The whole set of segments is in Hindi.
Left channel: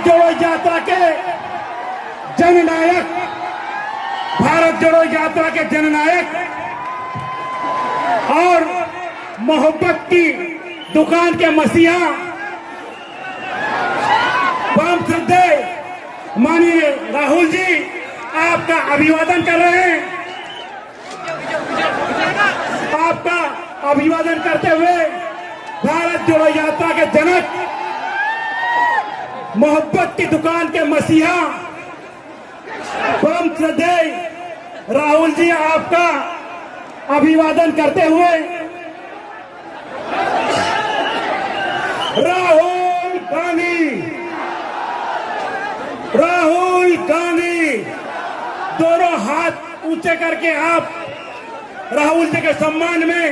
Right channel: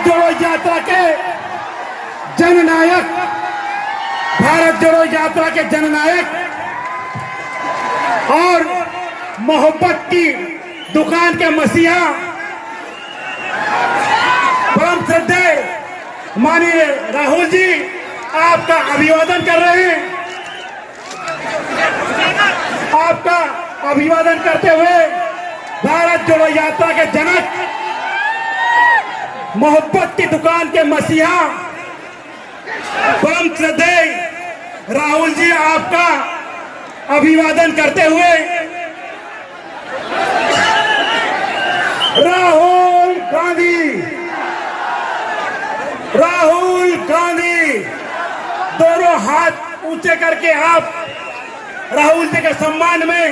भारत जोड़ो यात्रा के जननायक, भारत जोड़ो यात्रा के जननायक और मोहब्बत की दुकान के मसीहा परम श्रद्धेय माननीय राहुल जी आपका अभिवादन कर रहे हैं। आपका अभिवादन करते हुए भारत जोड़ो यात्रा के जनक, मोहब्बत की दुकान के मसीहा परम श्रद्धेय राहुल जी आपका अभिवादन करते हुए राहुल गांधी, राहुल गांधी, दोनों हाथ ऊंचे करके आप राहुल जी के सम्मान में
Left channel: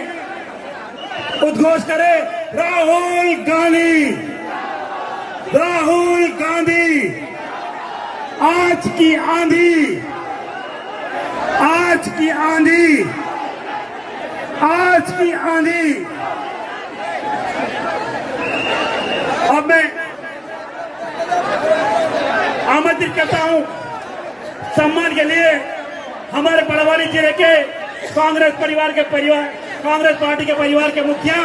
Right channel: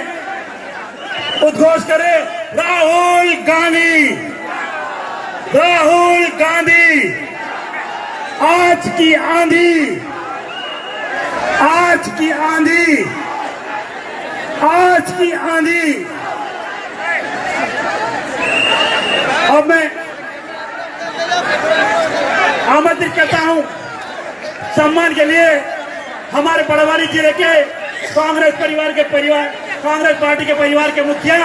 उद्घोष करें, राहुल गांधी, राहुल गांधी। आज की आंधी, आज की आंधी, आज की आंधी। अब मैं आमंत्रित करता हूं सम्मान के लिए हमारे बड़वानी जिले के कांग्रेस पार्टी के परिवार के मुखिया,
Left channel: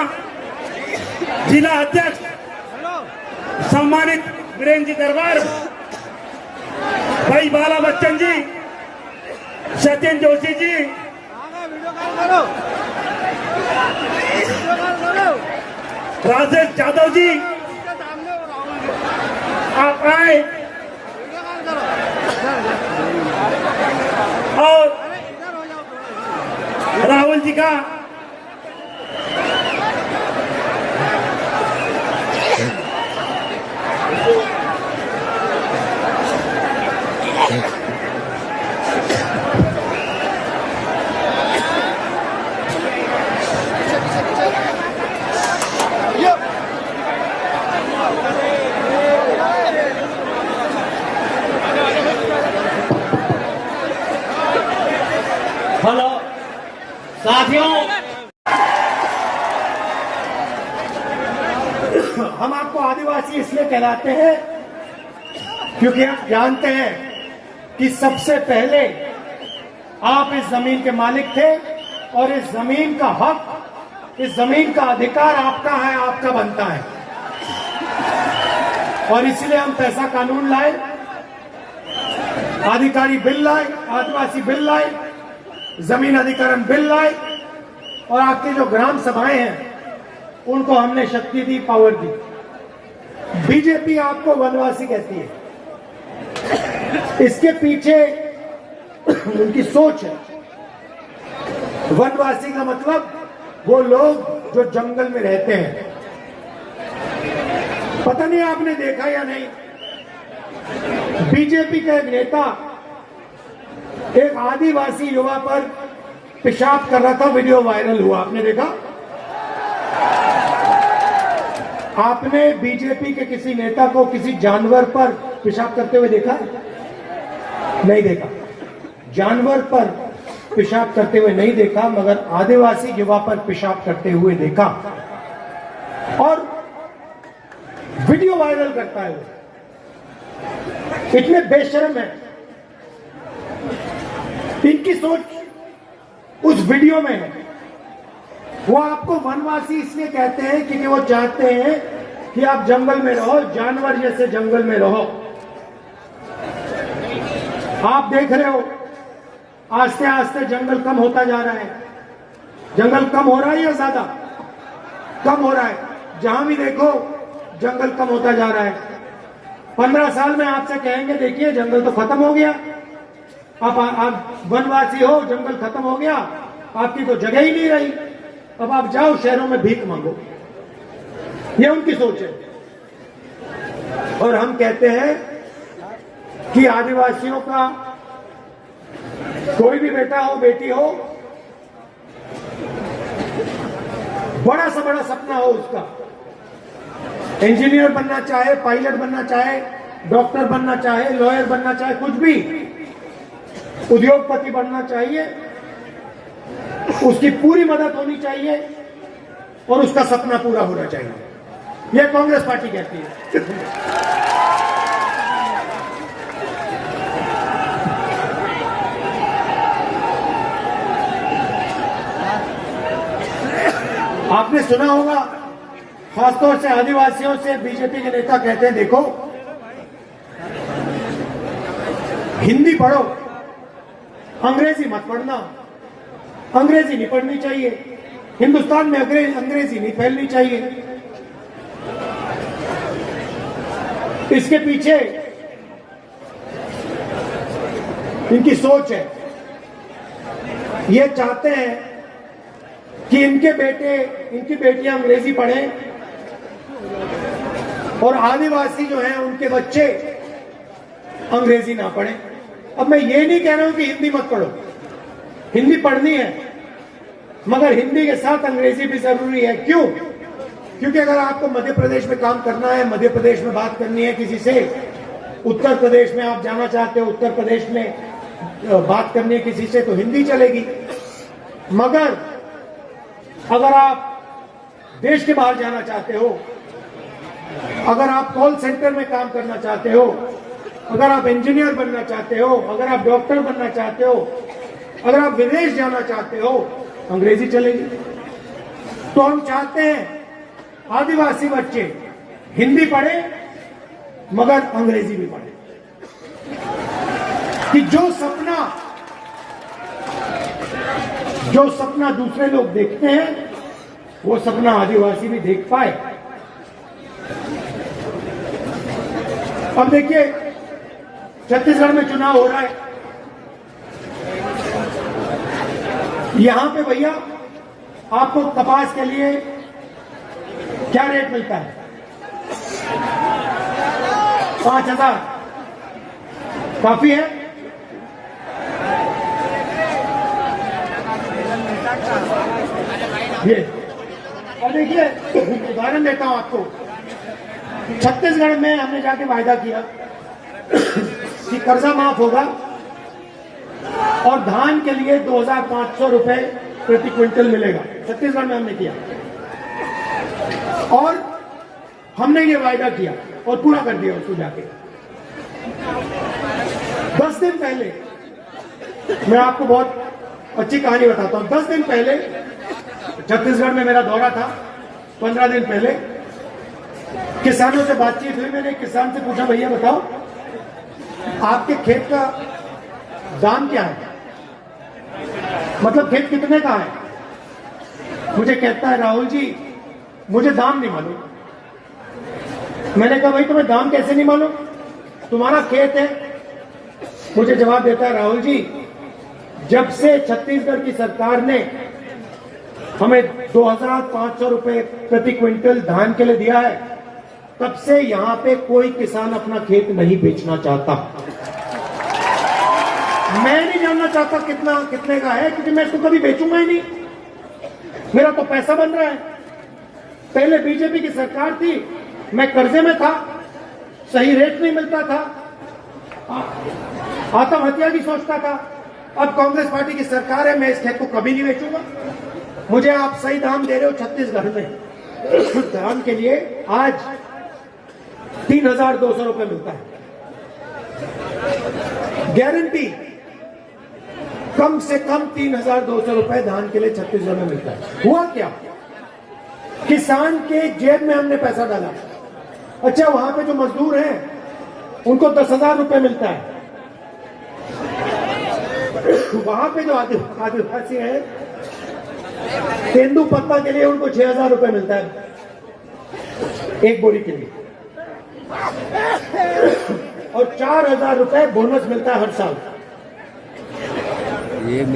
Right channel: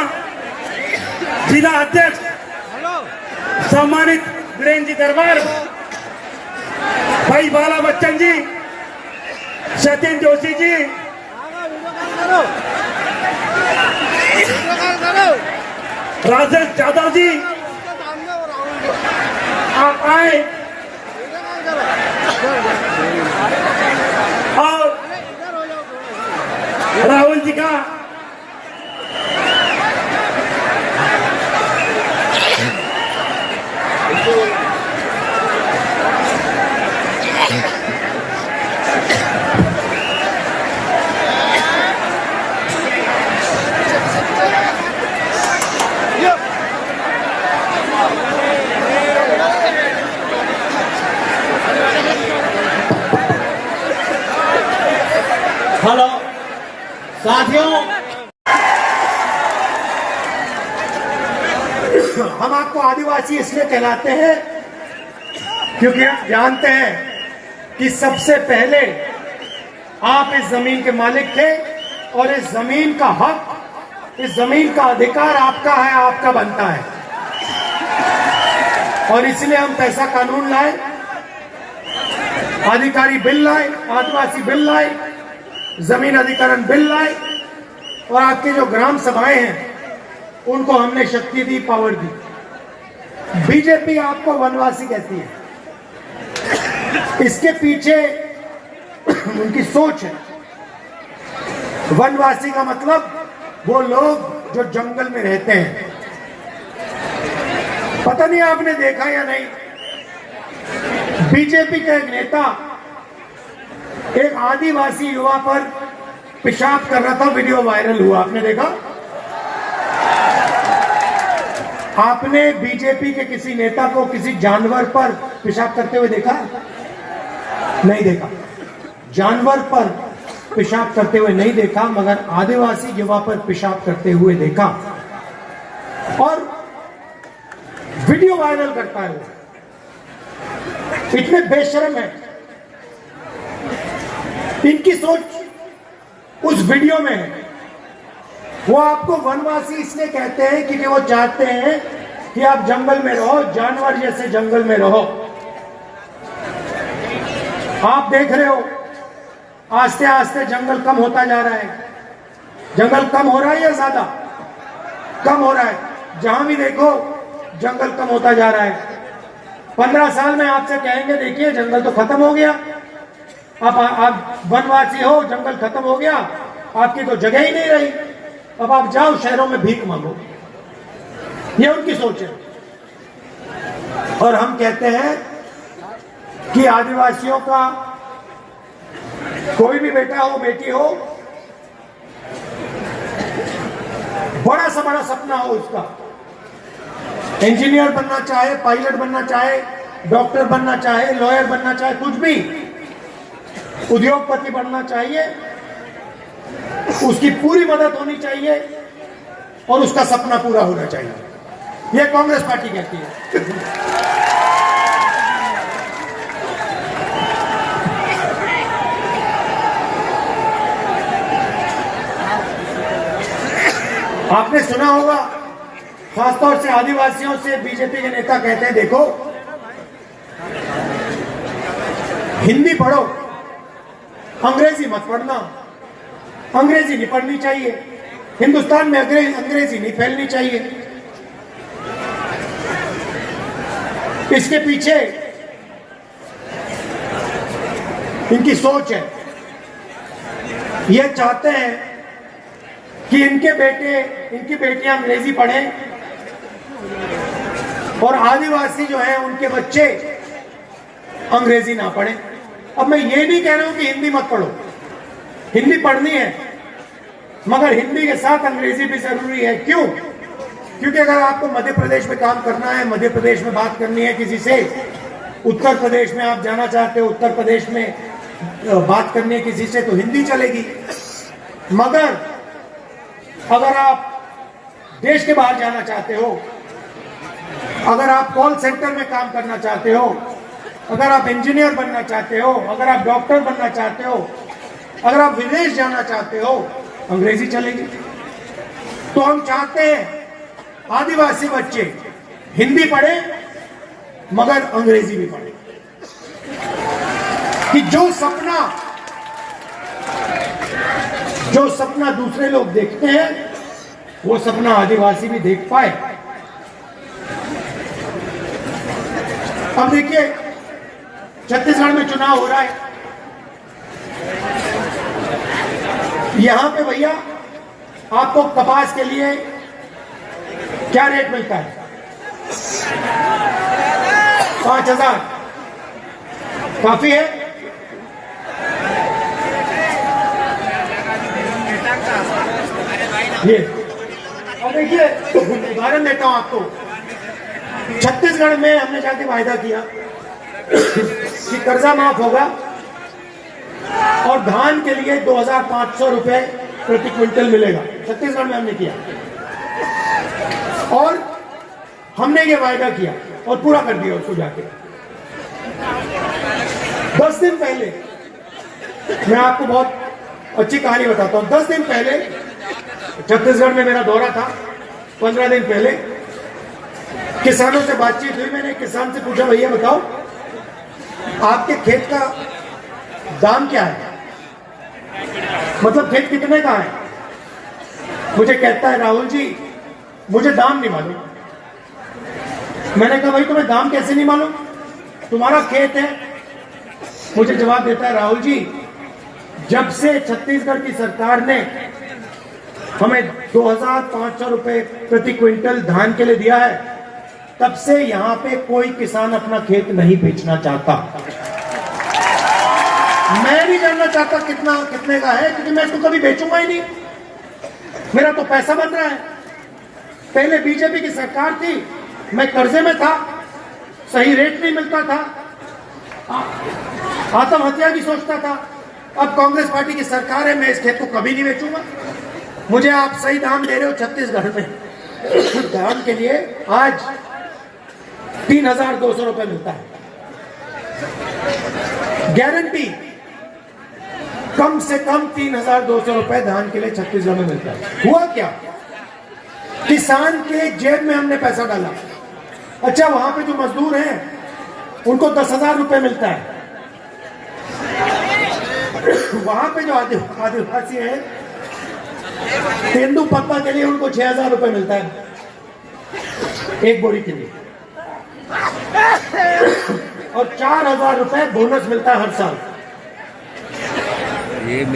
जिला अध्यक्ष सम्मानित वीरेंद्र जी दरबार, भाई बाला बच्चन जी, सतीन जोशी जी, राजेश यादव जी, आप आए और राहुल जी का हेलो साथियों, हम आपको आदिवासी इसलिए कहलाते हैं क्योंकि आप जानते हैं कि सबसे पहले आप इस जमीन के मालिक थे और इस जमीन का हक, इस जमीन का अधिकार आपका है, आपका बनता है। और इसलिए हम पैसा कानून लाए, अधिकारी बिल लाए, आदिवासी बिल लाए, जमीन अधिकरण बिल लाए और आपके जो ग्राम सभाएं हैं उनको हमने शक्ति दी, पावर दी। बीजेपी आपको वनवासी कहती है, इसके पीछे उनकी सोच है। वनवासी का मतलब वो लोग जो जंगल में रहते हैं। पता नहीं आपने देखा या नहीं, बीजेपी का एक नेता एक आदिवासी युवा पर पेशाब कर रहा था, वीडियो वायरल हुआ, आपने देखा? आपने बीजेपी के किसी नेता को किसी जानवर पर पेशाब करते हुए देखा? नहीं देखा। जानवर पर पेशाब करते हुए नहीं देखा, मगर आदिवासी युवा पर पेशाब करते हुए देखा और वीडियो वायरल करता है। इतने बेशर्म है। इनकी सोच उस वीडियो में है। वो आपको वनवासी इसलिए कहते हैं क्योंकि वो चाहते हैं कि आप जंगल में रहो, जानवर जैसे जंगल में रहो। आप देख रहे हो आस्ते आस्ते जंगल कम होता जा रहा है। जंगल कम हो रहा है या ज्यादा? कम हो रहा है। जहां भी देखो जंगल कम होता जा रहा है। 15 साल में आपसे कहेंगे देखिए जंगल तो खत्म हो गया, आप वनवासी हो, जंगल खत्म हो गया, आपकी तो जगह ही नहीं रही, अब आप जाओ शहरों में भीख मांगो। ये उनकी सोच है। और हम कहते हैं कि आदिवासियों का कोई भी बेटा हो, बेटी हो, बड़ा सा बड़ा सपना हो उसका, इंजीनियर बनना चाहे, पायलट बनना चाहे, डॉक्टर बनना चाहे, लॉयर बनना चाहे, कुछ भी, उद्योगपति बनना चाहिए, उसकी पूरी मदद होनी चाहिए और उसका सपना पूरा होना चाहिए। यह कांग्रेस पार्टी कहती है। आपने सुना होगा, खासतौर से आदिवासियों से बीजेपी के नेता कहते हैं, देखो हिंदी पढ़ो, अंग्रेजी मत पढ़ना। अंग्रेजी नहीं पढ़नी चाहिए, हिंदुस्तान में अंग्रेजी नहीं फैलनी चाहिए। इसके पीछे इनकी सोच है, ये चाहते हैं कि इनके बेटे इनकी बेटियां अंग्रेजी पढ़ें और आदिवासी जो हैं उनके बच्चे अंग्रेजी ना पढ़ें। अब मैं ये नहीं कह रहा हूं कि हिंदी मत पढ़ो, हिंदी पढ़नी है, मगर हिंदी के साथ अंग्रेजी भी जरूरी है। क्यों? क्योंकि अगर आपको मध्य प्रदेश में काम करना है, मध्य प्रदेश में बात करनी है किसी से, उत्तर प्रदेश में आप जाना चाहते हो, उत्तर प्रदेश में बात करनी है किसी से, तो हिंदी चलेगी। मगर अगर आप देश के बाहर जाना चाहते हो, अगर आप कॉल सेंटर में काम करना चाहते हो, अगर आप इंजीनियर बनना चाहते हो, अगर आप डॉक्टर बनना चाहते हो, अगर आप विदेश जाना चाहते हो, अंग्रेजी चलेगी। तो हम चाहते हैं आदिवासी बच्चे हिंदी पढ़े मगर अंग्रेजी भी पढ़े, कि जो सपना दूसरे लोग देखते हैं वो सपना आदिवासी भी देख पाए। अब देखिए, छत्तीसगढ़ में चुनाव हो रहा है, यहां पे भैया आपको कपास के लिए क्या रेट मिलता है? 5,000 काफी है? ये और देखिए, उदाहरण देता हूं आपको। छत्तीसगढ़ में हमने जाके वायदा किया कि कर्जा माफ होगा और धान के लिए 2,500 रुपए प्रति क्विंटल मिलेगा। छत्तीसगढ़ में हमने किया और हमने ये वायदा किया और पूरा कर दिया उसको जाके। 10 दिन पहले, मैं आपको बहुत अच्छी कहानी बताता हूं। 10 दिन पहले छत्तीसगढ़ में मेरा दौरा था। 15 दिन पहले किसानों से बातचीत हुई। मैंने किसान से पूछा, भैया बताओ आपके खेत का दाम क्या है, मतलब खेत कितने का है? मुझे कहता है, राहुल जी मुझे दाम नहीं मालूम। मैंने कहा, भाई तुम्हें दाम कैसे नहीं मालूम, तुम्हारा खेत है। मुझे जवाब देता है, राहुल जी जब से छत्तीसगढ़ की सरकार ने हमें 2,500 रुपए प्रति क्विंटल धान के लिए दिया है, तब से यहां पे कोई किसान अपना खेत नहीं बेचना चाहता। मैं नहीं जानना चाहता कितने का है, क्योंकि मैं इसको कभी बेचूंगा ही नहीं, मेरा तो पैसा बन रहा है। पहले बीजेपी की सरकार थी, मैं कर्जे में था, सही रेट नहीं मिलता था, आत्महत्या की सोचता था। अब कांग्रेस पार्टी की सरकार है, मैं इस खेत को कभी नहीं बेचूंगा। मुझे आप सही दाम दे रहे हो छत्तीसगढ़ में, धान के लिए आज 3,200 रुपए मिलता है, गारंटी कम से कम 3,200 रुपए धान के लिए छत्तीसगढ़ में मिलता है। हुआ क्या? किसान के जेब में हमने पैसा डाला। अच्छा, वहां पे जो मजदूर हैं उनको 10,000 रुपए मिलता है, वहां पे जो आदिवासी है तेंदू पत्ता के लिए उनको 6,000 रुपए मिलता है एक बोरी के लिए, और 4,000 रुपए बोनस मिलता है हर साल।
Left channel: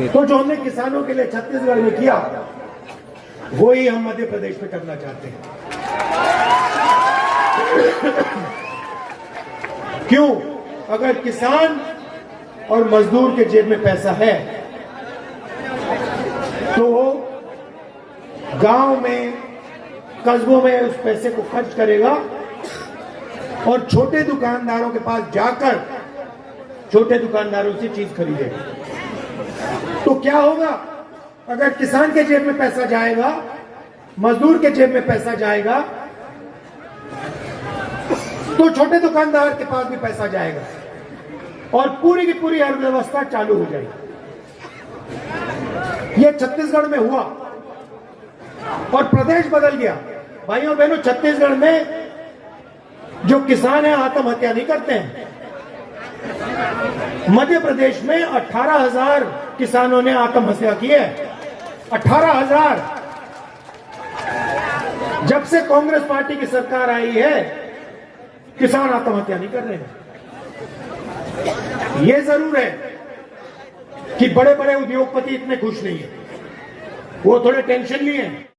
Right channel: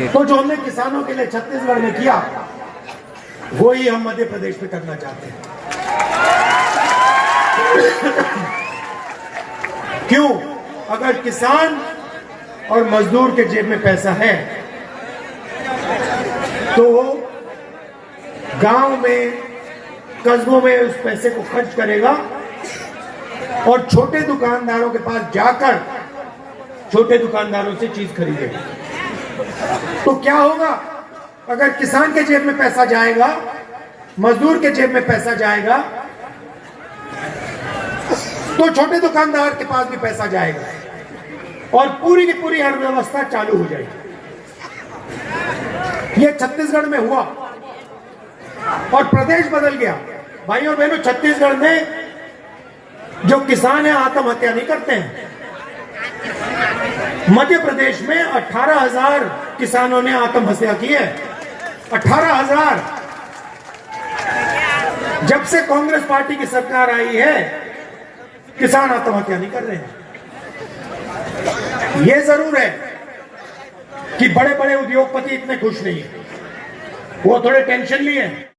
तो जो हमने किसानों के लिए छत्तीसगढ़ में किया, वही हम मध्य प्रदेश में करना चाहते हैं। क्यों? अगर किसान और मजदूर के जेब में पैसा है तो वो गांव में, कस्बों में उस पैसे को खर्च करेगा और छोटे दुकानदारों के पास जाकर छोटे दुकानदारों से चीज खरीदेगा। तो क्या होगा? अगर किसान के जेब में पैसा जाएगा, मजदूर के जेब में पैसा जाएगा, तो छोटे दुकानदार के पास भी पैसा जाएगा और पूरी की पूरी अर्थव्यवस्था चालू हो जाएगी। यह छत्तीसगढ़ में हुआ। और प्रदेश बदल गया। भाइयों और बहनों, छत्तीसगढ़ में जो किसान हैं आत्महत्या नहीं करते हैं। मध्य प्रदेश में 18,000 किसानों ने आत्महत्या की है। 18,000। जब से कांग्रेस पार्टी की सरकार आई है, किसान आत्महत्या नहीं कर रहे हैं। यह जरूर है कि बड़े बड़े उद्योगपति इतने खुश नहीं है, वो थोड़े टेंशन में है।